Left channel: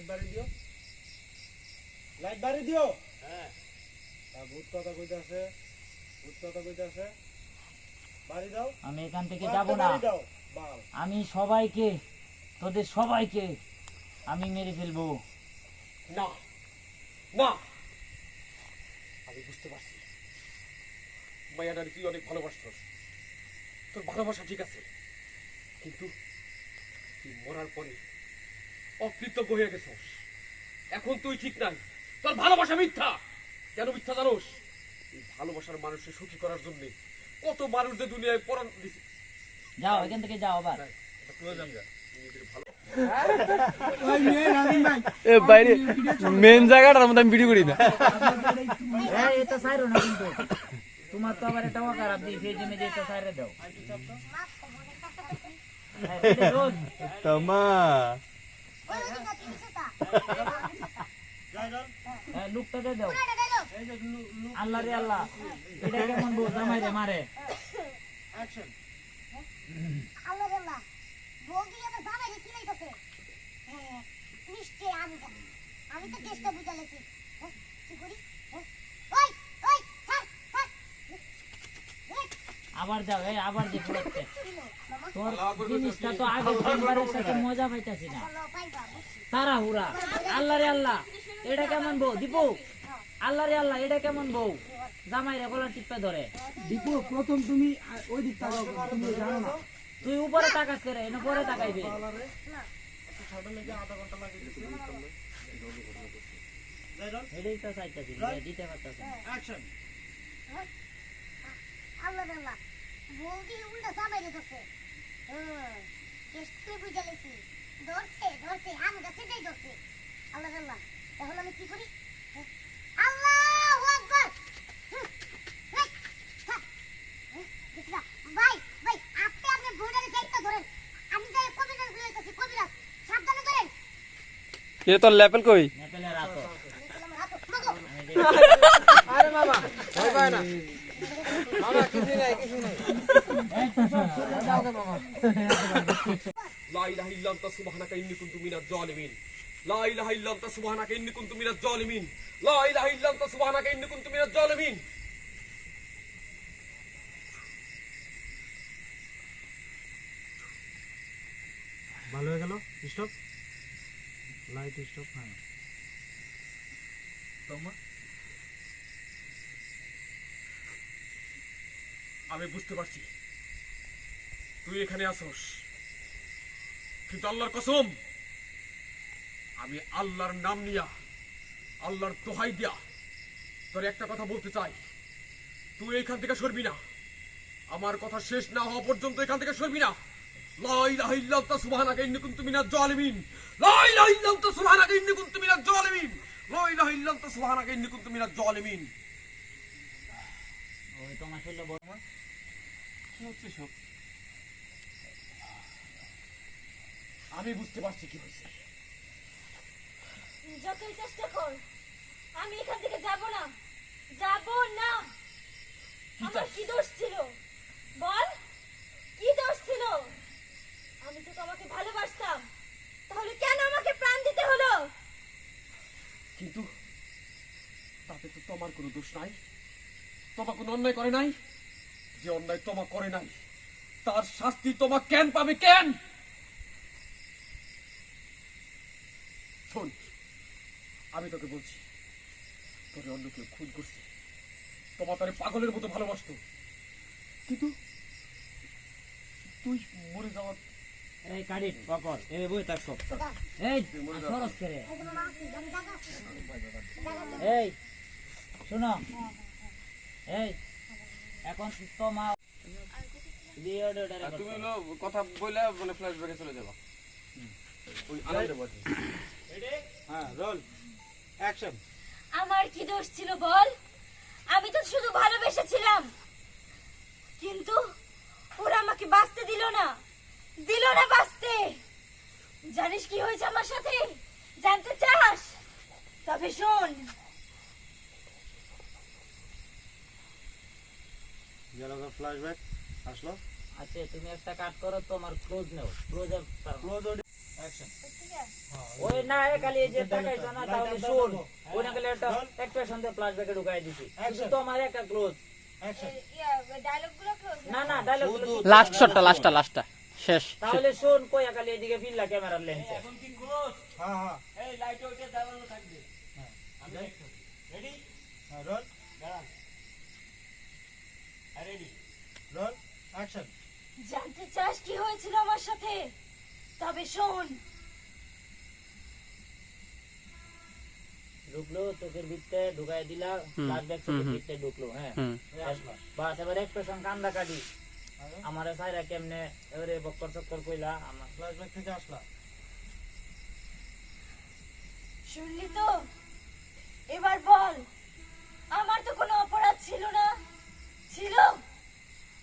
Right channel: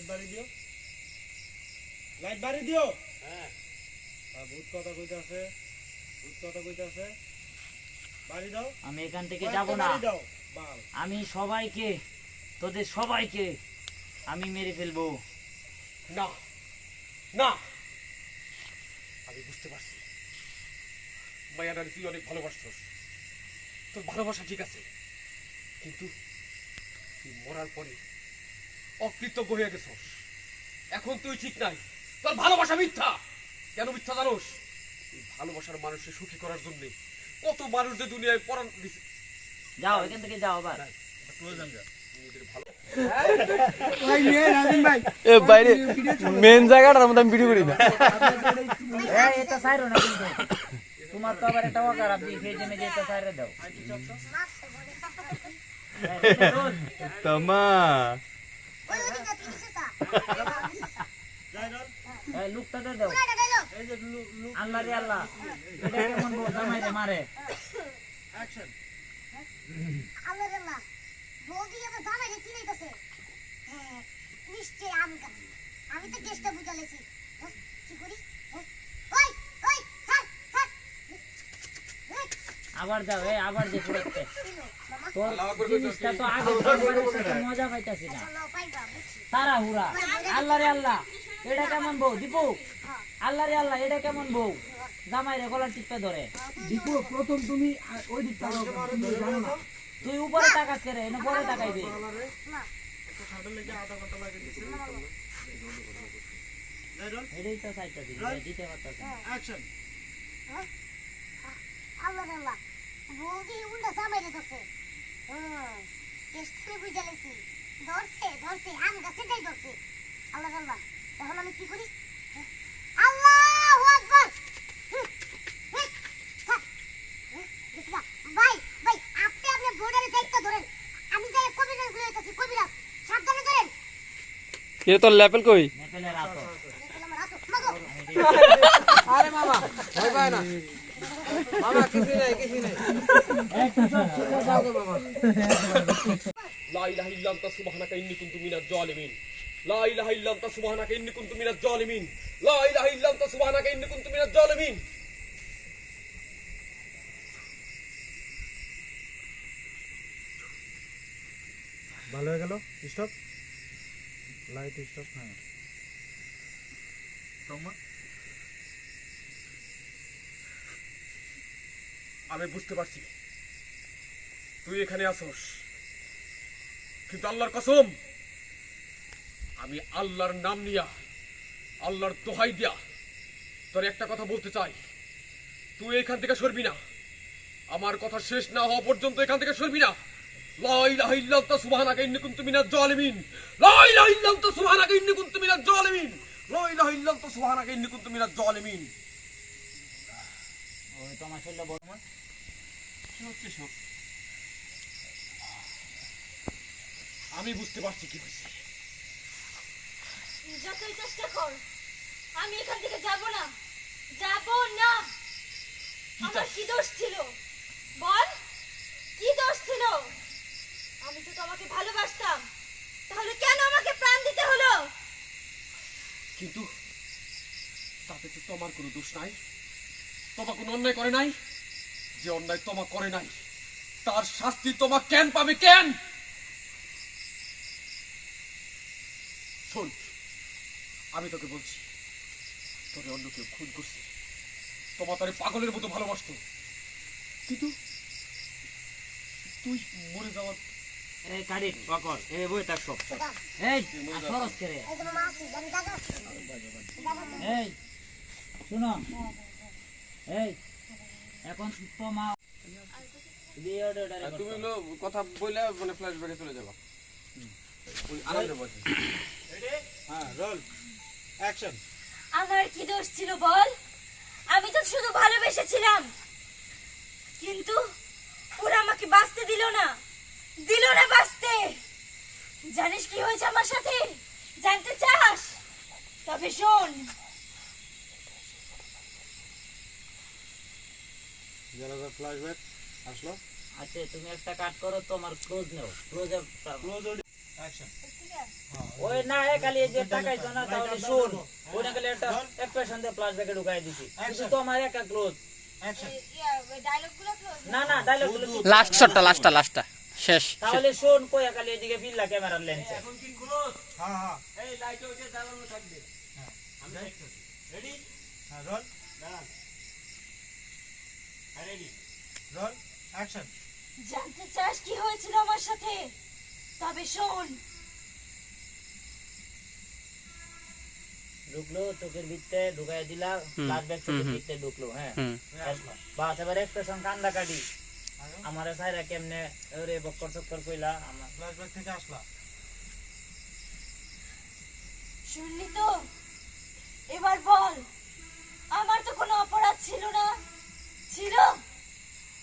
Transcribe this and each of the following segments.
Light বাড়ি দিও। Light বাড়ি দিও? হ্যাঁ। ভূত কথা কইতাছে ভূত কথা কইতাছে। বাড়ি দাও। আমি এখান থেকে যাব না। দাও। আমি সবাইকে তোদের সবাইকে আমি মেরে ফেলব। না। না। আমি বুঝতে পারছি। মায়াডার তুই অনেক ভালোবাসছস। তোর ভালোবাসা ঠিক আছে। কিন্তু তুই মরার পরে অকৃতজ্ঞ হয়ে গেছস এখন তুই ঠিক নাই। তোর ভালোবাসা মিথ্যা। কেন মিথ্যা জানোস? এই ভালোবাসার মানুষকে সুখী করার জন্য কত মানুষদের দুনিয়ায় পরাণ দিছে। যাও এখান থেকে যাও আবার। নিজের ভালো। এ বাইরে মেন জায়গাটার মধ্যে আমি ভিডিও করি না। এটা সাইরো না কিন্তু। তোমার তো আবার এটা খারাপ দিই সেই জন্য যে সাইরে দাও। তোমা লুকটা দিয়ে দাও। এই যে লু- লু- আল্লাহ রে আল্লাহ। এটা কেমন বউ জামাই রে মারে? অ্যাকশন। আল্লাহ আল্লাহ বৌদি আবার জামাই রে কি লইতাছে হ্যাঁ নিশ্চয় আমি আমি তো চেষ্টা বুঝালেছি। হ্যাঁ কি করি হ্যাঁ ওই ওই স্যার স্যার এই, আবার যাও এই আবার যে পড়াচ্ছে। তোর জিনিসটা তো আগে সাথে মজা পাইতাছি না। চলো পাইবা বুঝছি তারা হুরা আল্লাহ রে আল্লাহ এটা কেমন বউ? দীপু? আল্লাহ রে আল্লাহ এটা কেমন বউ? জামাই রে গলা টিপে ধরে। দীপু প্রথম তুমি ওই দিকটা তুই উপরে তাকাস করে এনে পরে তাকাইবে। এটাই তো চাইতাছি দিতে পারতাছি আল্লাহ আল্লাহ। বৌদি উল্টা জামাই রে ধরছে। হ্যাঁ ধরছে ধরছে আম গাছেটাই ধরছে। আল্লাহ আল্লাহ এখন আমি কি করি? হ্যাঁ? আল্লাহু আকবার। না। ভাই ভাই আপনি আপনার বোর্ডারে দায়িত্ব ধরেন। আমি যাই কবিরাজ লইতেছি কবিরাজ সাবধানে ধরেন। কে তোর লেভেল কই? হাতে। দেখলে আমার হাত। মাগো। লা ইলাহা ইল্লা আনতা সুবহানাকা ইন্নী কুনতু মিনাজ জালিমিন। লা ইলাহা ইল্লা আনতা সুবহানাকা ইন্নী কুনতু মিনাজ জালিমিন। লা ইলাহা ইল্লা আনতা সুবহানাকা ইন্নী কুনতু মিনাজ জালিমিন। ভালো হয়ে গেল? স্টপ লাইট স্টপ হ্যাঁ আমি বুঝতে পারছি। তুই এখানে আসোস। কিন্তু আল্লাহর কসম, আমি আল্লাহর নাম নিয়া, আল্লাহর দোহাই দিয়া তোর একটা কথা বলতে চাই। তুই এখান থেকে সরবি না। আমার কথা শেষ না হওয়া পর্যন্ত এখান থেকে সরবি না। সুবহানাকা ইন্নী কুনতু মিনাজ জালিমিন হচ্ছে সব। আমি বুঝতে পারছি কি হয়েছে। যতই চেষ্টা কর আমি এখান থেকে যাব না। যাব না। আমার কি দোষ ছিল? বল কি দোষ ছিল? আমি তো তোমাকে ভালোবাসতাম। তাহলে কেন আমাকে প্রাণ দিতে হলো? কিন্তু তাতে তো তোমার কোনো দোষ নাই। তোমার কোনো অন্যায় করে নাই? যে অন্যায় তোমা করে নাই তার শাস্তি তোমা কেন পাবে? কেন? শোন আমি তোকে বলছি তোরে অন্য কেউ খুন করছে। তোমার তারে পাগলের মতো ভালোবাসতো। কিন্তু তুই মরে যাওয়ার এই কাটি পকড় এই বইটা সব। এই খরচ করে এই শুনো। এখন তো মা। তুমি কথা বইলা মানে ফ্ল্যাশব্যাকে চলে যাবা। হ্যাঁ রোল অ্যাকশন আমার কি দোষ ছিল বল? আমি তো শুধু ভালোবেসেছিলাম। কিন্তু ওরা আমাকে বাঁচতে দিল না। দিল না বাঁচতে। জানিস কি হয়েছে আমার সাথে? জানতে চাস? তবে শোন। যারা ফ্ল্যাশব্যাক আসলো। আচ্ছা তুমি একটা কাট করো তোমার ক্লোজ নাও। ক্লোজ ক্লোজ অ্যাকশন ওই না এ খালি এই যে টাকাইছো না তাহলে শোন। ওই না খালি একটা এক্সপ্রেশন দিয়ে প্লাস ব্যাকে ঢুকাই দিছি। শুধু তো আমার একা ক্লোজ অ্যাকশন ডায়লগগুলো ক্লোজ না? না ডায়লগ লাস্ট শটটা লাস্টটা লাস্টটা শেষ তাহলে শোন কই খালি এদিকে ফিল্লা ক্যামেরার লেন্সে হ্যাঁ হ্যাঁ। এই লাইটে উঠে দাঁড়ানো থাকবে। রেডি হ্যাঁ রোল দাঁড়ান। রোল অ্যাকশন জানতে চাস কি হয়েছিল আমার সাথে? তবে শোন। ঢুকলো চোখের ভিতরে ঢুকাই দিলা ব্যাক চোখের ভিতরে ঢুকলো হ্যাঁ। বাস এবার এক্সপ্রেশন কান্দা কাটি আমার সাইরা কেমনে ওরে বক্কর চক্কর কইলা আমার ফ্ল্যাশব্যাক থেকে আসলা। শুনলি তো? এবার বল আমার তো কোনো অপরাধ ছিল না। ছিল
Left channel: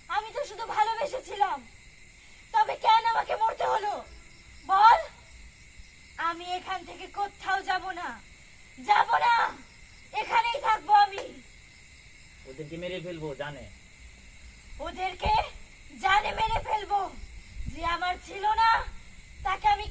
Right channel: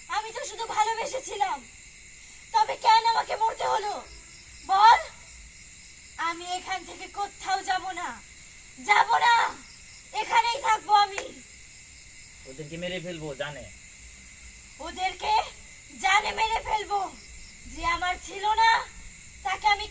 আমি তো শুধু ভালোবেসেছিলাম। তবে কেন আমাকে মরতে হলো? বল। আমি এখান থেকে কোথাও যাব না। যাব না। এখানেই থাকব আমি। ওদেরকে মেরে ফেলব জানে। ওদেরকে জানে মেরে ফেলব। যে আমার ছিল না তাকে আমি